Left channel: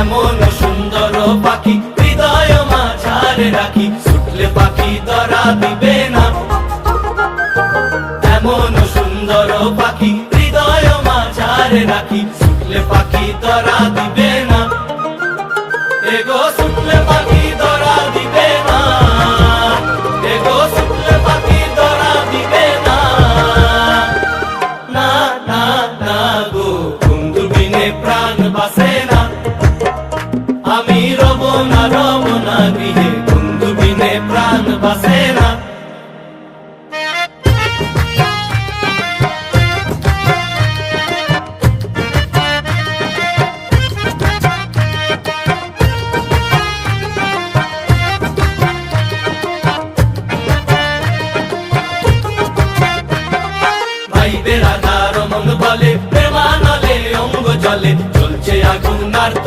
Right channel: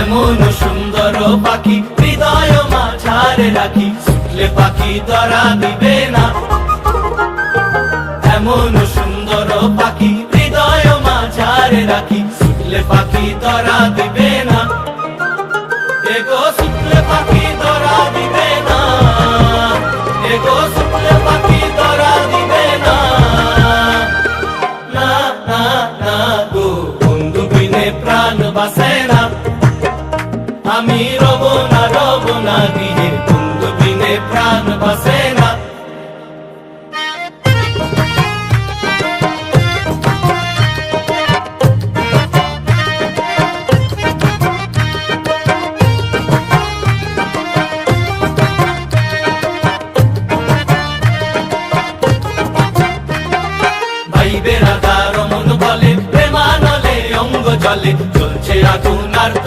এমন সুন্দর পাখি হৃদয় মাঝারে রাখি, ছুটলে পাখি ধরা দিবে না। এমন সুন্দর পাখি হৃদয় মাঝারে রাখি, ছুটলে পাখি ধরা দিবে না। এগো ছুটলে পাখি ধরা দিবে না, এগো ছুটলে পাখি ধরা দিবে না। না না না গো বন্ধু বিনে প্রাণ বাসে না, আমি রব না গৃহে, বন্ধু বিনে প্রাণ বাসে না।